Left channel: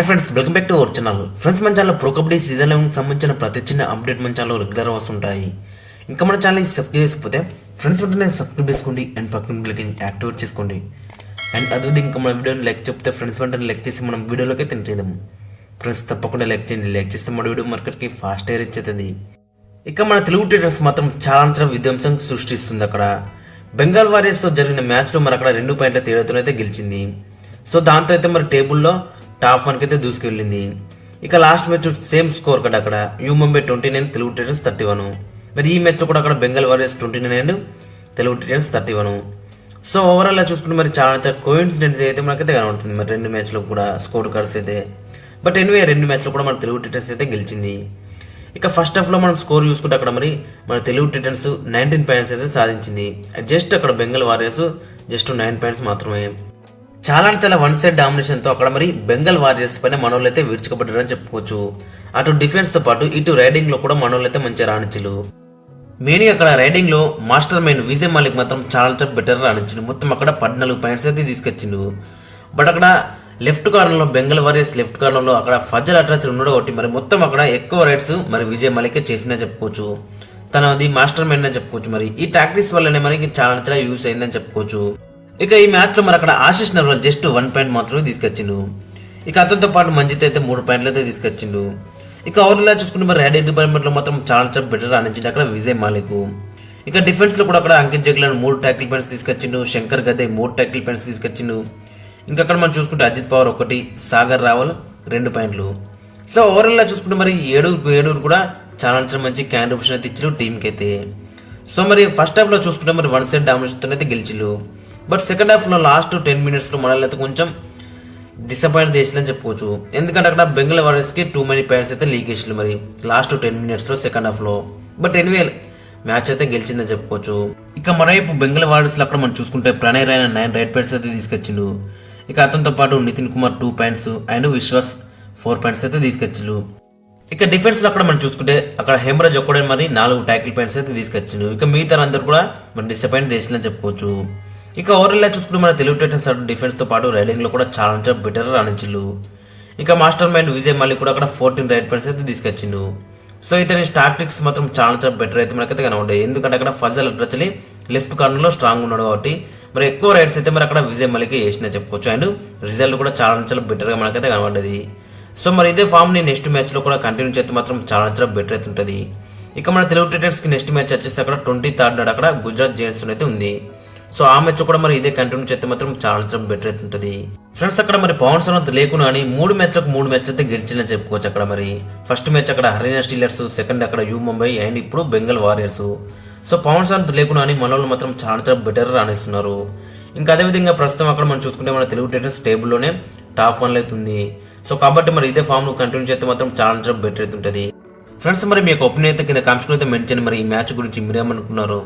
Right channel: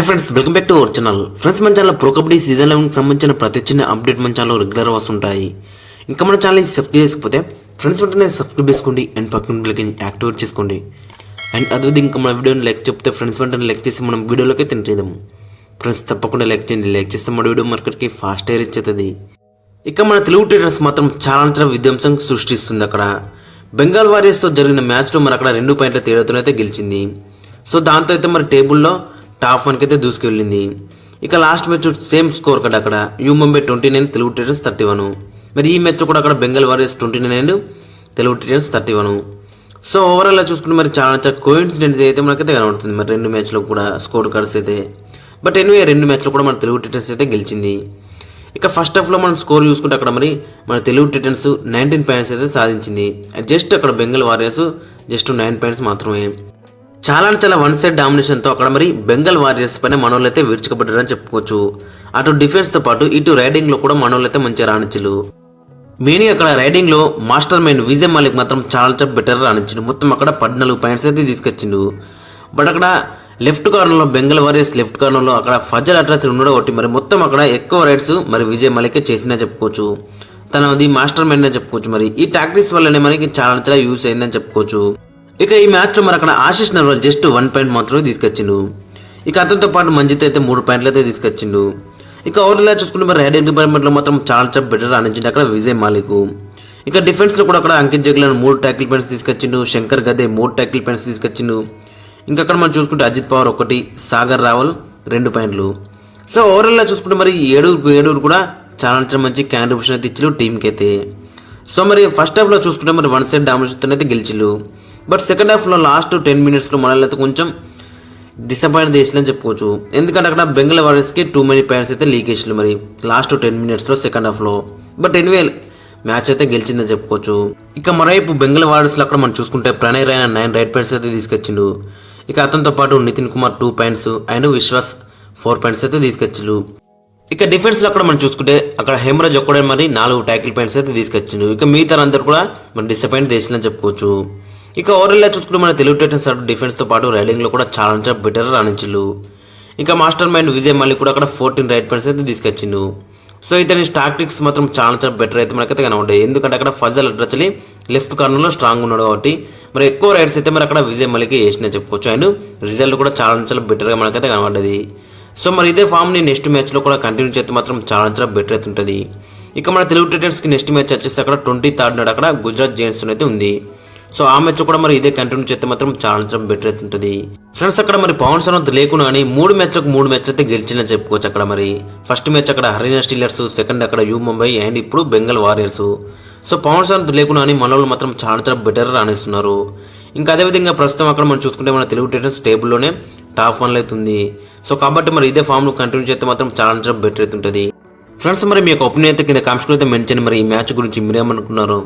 Hi friends, welcome back to our channel. Friends, మన channel pro kabaddi season 11 సంబంధించిన ప్రతి చిన్న అప్డేట్ మన ఛానల్ రెగ్యులర్ వస్తుంటాయి. ఇంకా మన ఛానల్ సబ్స్క్రైబ్ చేసుకోకపోతే ఫ్రెండ్స్ వెంటనే సబ్స్క్రైబ్ చేసుకోండి అండ్ పక్కన బెల్ యాక్టివేట్ చేసుకోండి. అండ్ అదే ఇంకా మన వీడియోని లైక్ చెప్తే ఫ్రెండ్స్ వెంటనే లైక్ చేసి మనం వీడియోలోకి తింటేదాము. ఫ్రెండ్స్ తప్పకుండా లైక్ చేయండి. లైక్ చేస్తే మన వీడియో మార్కెట్కి ఫాస్ట్ రీచ్ అవుతుంది. ఇక మన తెలుగు టైటన్స్ మాత్రం చాలా విధ్వంసం సృష్టిస్తుంది. అక్కడ బెంగాల్ వారియర్స్తో జరిగిన మ్యాచ్లో మరి అక్కడ 2 పాయింట్ల తేడాతోనైతే గెలిచింది. సో దాంతో అయితే మరి టేబుల్లో టాప్ 1కి అయితే దూసుకెళ్ళింది. ఇక లాస్ట్ మ్యాచ్ సేమ్ స్కోర్ కదా, అక్కడ యూ ముంబై 29, తెలుగు టైటన్స్ 31. మరి ఈ మ్యాచ్ కూడా అక్కడ Bengal warriors 29 and Telugu Titans 31. So ఓవరాల్గా చూసుకుంటే మరి చాలా కోఇన్సిడెంట్స్ అయితే మనకైతే కనబడుతుంది. మరి 2 మ్యాచ్లో కూడా స్కోర్ కార్డ్స్ అయితే. బట్ ఎనివే 2 మ్యాచ్లో కూడా మన తెలుగు టైటన్స్ అయితే గెలిచింది. ఇక ఫస్ట్ హాఫ్లో మనం స్కోర్ చూసుకుంటే అక్కడ మరి మన తెలుగు టైటన్స్ 19 పాయింట్స్ అయితే సాధించింది. జస్ట్ అక్కడ బెంగాల్ వారియర్స్ జస్ట్ 9 పాయింట్స్ మాత్రమే. చాలా వన్ సైడ్ డామినేషన్తో అక్కడ మరి బెంగాల్ వారియర్స్ పైన మనోళ్ళు అయితే విడిచికపడ్డారని చెప్పుకోవచ్చు. అటు డిఫెన్స్తో పాటు ఇటు రైడింగ్లో కూడా మనోళ్ళు అయితే మంచిగా రాణించలు. మెయిన్ అక్కడ రైడింగ్లో మాస్టర్ మైండ్ విజయ్ మాలిక్ మాత్రం చాలా బెటర్ రాణించిండు. మొత్తం అక్కడ 14 పాయింట్స్ అయితే తీసుకొచ్చిండు. బట్ అక్కడ లెఫ్ట్ కార్నర్లో బెంగాల్ వారియర్స్ లెఫ్ట్ కార్నర్లో అక్కడ ఫజల్ అట్రాచర్ ఉండడం ఒకటి మరి మొత్తం అక్కడ ఎక్కువ రైడ్స్ మరి విజయ్ మాలిక్ చేసినా చెప్పుకోవచ్చు. తనది మాస్టర్ మైండ్ అని చెప్పుకోవచ్చు. మరి ఈ టాక్టిక్స్ వల్లనే మనకి చాలా యూస్ అయిందని చెప్పుకోవచ్చు. ఇక ఈ మ్యాచ్లో మరి అక్కడ ఆశిష్ నర్వాల్ జస్ట్ 1 పాయింట్ మాత్రమే తీసుకొచ్చిండు. ఇక అతనితో పాటు మంజిత్ అయితే 3 పాయింట్లు అయితే తీసుకొచ్చిండు. ఇక ఓవర్లా చూసుకుంటే మరి రైడింగ్ డిపార్ట్మెంట్లో మాత్రం చాలా బెటర్ ఆనించింది అక్కడ విజయ్ మాలిక్. ఇక డిఫెన్స్లో కూడా అక్కడ అంకిత్ జగ్లన్ 3 ట్యాకిల్ పాయింట్స్ తీసుకొచ్చిండు. శంకర్ గదే 3 ట్యాకిల్ పాయింట్స్ తీసుకొచ్చిండు. ఇంకా అక్కడ మనం చూసుకుంటే అజిత్ పవార్ 1, సాగర్ రావల్ 2 పాయింట్లు. సో ఓవరాల్గా చూసుకుంటే మరి 7 కూడా చాలా మంచి కాంట్రిబ్యూషన్ అయితే ఇచ్చారు టీంకి అయితే. సో మరి ఫస్ట్ హాఫ్లో చూసుకుంటే మరి వన్ సైడ్ డామినేషన్ అయితే గెలిచిల్లు. బట్ సెకండ్ హాఫ్లో లాస్ట్ 10 మినిట్స్లో మనల్ని అయితే కొంచెం డిసప్పాయింట్ చేసిలని చెప్పుకోవచ్చు. ఎందుకంటే అక్కడ బెంగాల్ వారియర్స్కి 2 many పాయింట్స్ అయితే లీక్ చేసిల్లు మరి లాస్ట్ 10 మినిట్స్లో సెకండ్ హాఫ్లో. బట్ ఎనివే మ్యాచ్ అయితే గెలిచిందని చెప్పుకోవచ్చు. ఇక మరోవైపు బెంగాల్ వారియర్స్లో అక్కడ మనం చూసుకుంటే ప్రణయ్ రైనా 9 రైట్ పాయింట్స్ అయితే తీసుకొచ్చిండు. ఇక అతనితో పాటు Nitin Kumar 2 points and Vishwas 4 points అయితే తీసుకొచ్చిండు. ఇక డిఫెన్స్లో అక్కడ మనం చూసుకుంటే అక్కడ హేమరాజ్ ఒక్కడే మరి 4 ట్యాకిల్ పాయింట్స్ అయితే తీసుకొచ్చిండు. ఇక మిగతా అందరూ కూడా మన డిసప్పాయింట్ చేసిందని చెప్పుకోవచ్చు. ఇక ఓవరాల్గా చూసుకుంటే మన తెలుగు టైటన్స్ డిఫెన్స్తో పాటు రైడింగ్లో కూడా చాలా బెటర్ రాణించిండు. ఇక మాస్టర్ మైండ్ విజయ్ మాలిక్ కూడా అక్కడ 14 రైట్ పాయింట్స్ అయితే తీసుకొచ్చిండు. సో ఇతని టాక్టిక్స్ మాత్రం చాలా బెటర్ అయితే మనకైతే కనబడ్డాయి. ఎందుకంటే అక్కడ ఫజల్ అట్రాచర్ లెఫ్ట్ కార్నర్లో స్ట్రాంగ్ ఉన్నాడు కాబట్టి మరి ఎక్కువ రైడ్స్ అయితే మరి అక్కడ విజయ్ మాలిక్ వేసినా చెప్పుకోవచ్చు. అండ్ రిజల్ట్ కూడా చాలా బెటర్గా మనకైతే కనబడ్డది. సో మరి ఇదే ఫామ్ని నెక్స్ట్ మ్యాచ్లో కూడా కంటిన్యూ చేస్తే మాత్రం చాలా బెటర్ అయితే ఉంటుంది. ఇక మన తెలుగు టైటన్స్కి నెక్స్ట్ మ్యాచ్ వచ్చేసి అక్కడ 23rd నాడు అక్కడ గుజరాత్ జైంట్స్ అయితే ఉంది. సో ఆ మ్యాచ్ కూడా మరి ఇదే కంటిన్యూ చేస్తే మాత్రం చాలా బెటర్ అయితే ఉంటుంది. ఫ్రెండ్స్, అక్కడ మరి పవన్ సర్వంత్ లేకున్నా అని 3 మ్యాచ్ అయితే గెలిచిందని చెప్పుకోవచ్చు. అక్కడ మరి ఫస్ట్ మ్యాచ్ అక్కడ హర్యానా స్టీలర్స్, సెకండ్ అక్కడ యూ ముంబై అండ్ ఇప్పుడు బెంగాల్ వారియర్స్. సో పవన్ సర్వంత్ లేకున్నా అని మన వాళ్ళు మాత్రం చాలా బెటర్ రాణిస్తున్నారు. ఇంకా అదేవిధంగా ప్రస్తుతం అక్కడ మనం చూసుకుంటే మన తెలుగు టైటన్స్ టేబుల్లోనే టాప్ 1 అవుతుంది. సో కాబట్టి మరి ఇదే ఫామ్ కంటిన్యూ చేస్తే మాత్రం చాలా బెటర్ అయితే ఉంటుంది. ఫ్రెండ్స్, మరి మీ యొక్క ఒపీనియన్ అయితే కింద కామెంట్స్లో అయితే మెన్షన్ చేయండి. మరి ఈ మ్యాచ్ గురించి మీరేమనుకున్నారు?